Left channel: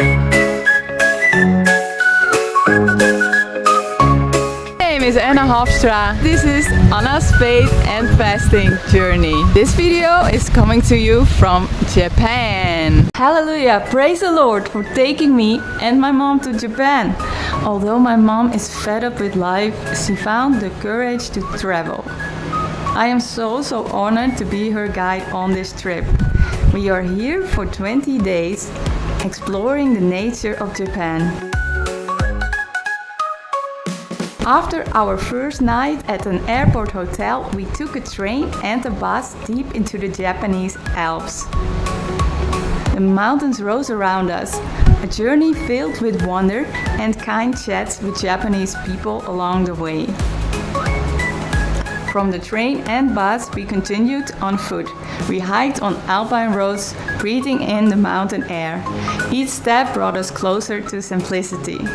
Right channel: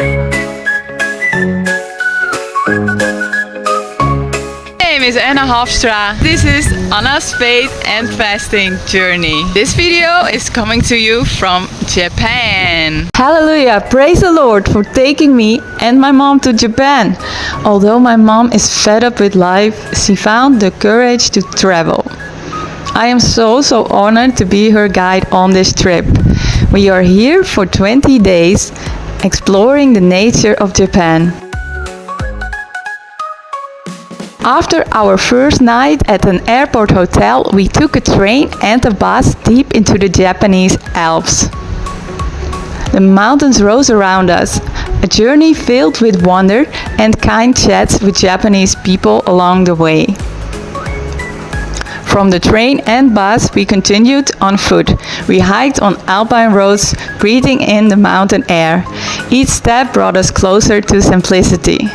My name is Hofstra. This is Anna's faith and fasting journey. This video is coming to you from Japan. Hallelujah! Praise the Lord for taking me and my mom to Japan. Although my mom is fed up with life, she found the courage to travel. I am so honored to be her guide on this trip. We are here for 20 days exploring the nature of Japan. After our first night at an airport hotel, we took a train and a bus deep into the Japanese Alps. The mountains rose around us, a journey filled with wonder and kind chats with Japanese people along the way. From the train and bus, we continued on foot. We hiked on alpine roads, breathing in the mountain air. Each step brought us closer to simplicity.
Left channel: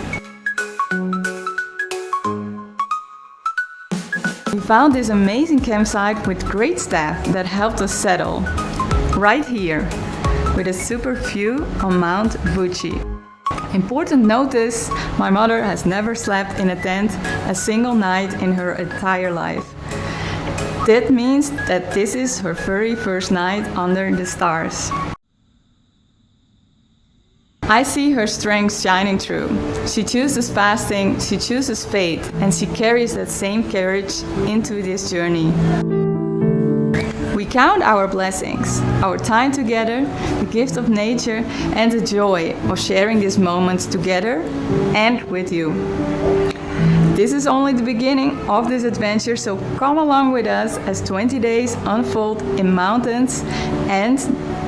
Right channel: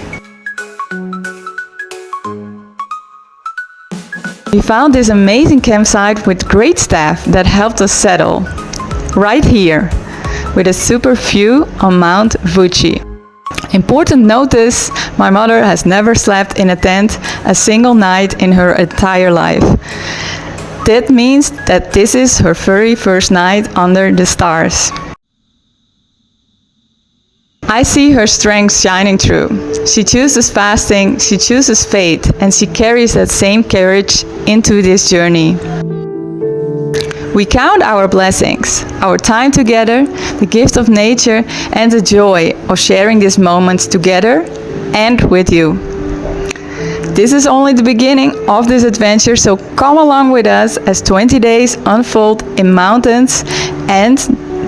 We found this amazing campsite with great staff that helped us settle. Right here, with a super view on Mount Fuji. Important notice, my mother has never slept in a tent a single night in her entire life. That means that this is her very first night under the stars. I see her strength shining through. She chooses fasting, she chooses faith, and she carries that same courage into this journey. We count our blessings, our time together, the gift of nature, and the joy of sharing these moments together and with you. This is only the beginning of this adventure, so come along with us as 20 days unfold in mountains and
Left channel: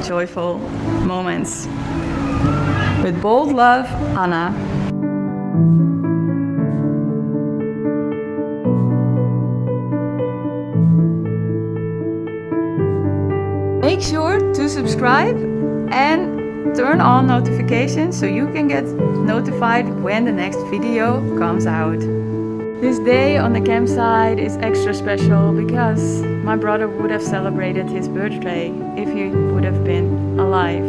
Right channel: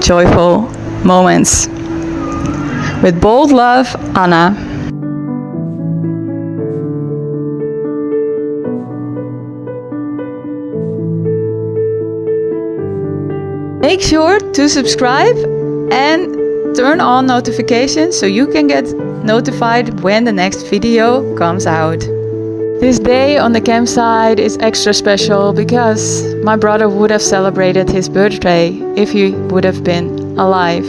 joyful moments. With bold love, Anna. Make sure to subscribe and turn on notifications so you can get notified when the next video comes out. This day on the campsite is extra special because my brother would have celebrated his birthday if he would have been alive.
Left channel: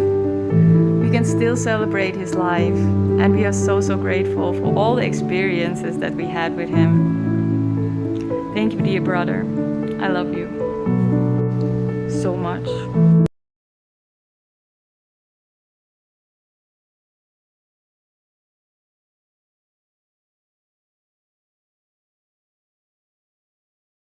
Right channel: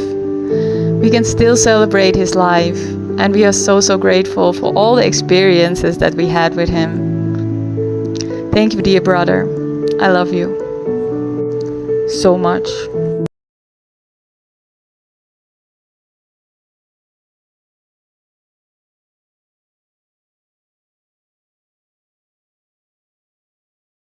We can still celebrate his life, and we are so grateful for all the experiences that we had with him. Thank you, dear brother. I love you so much.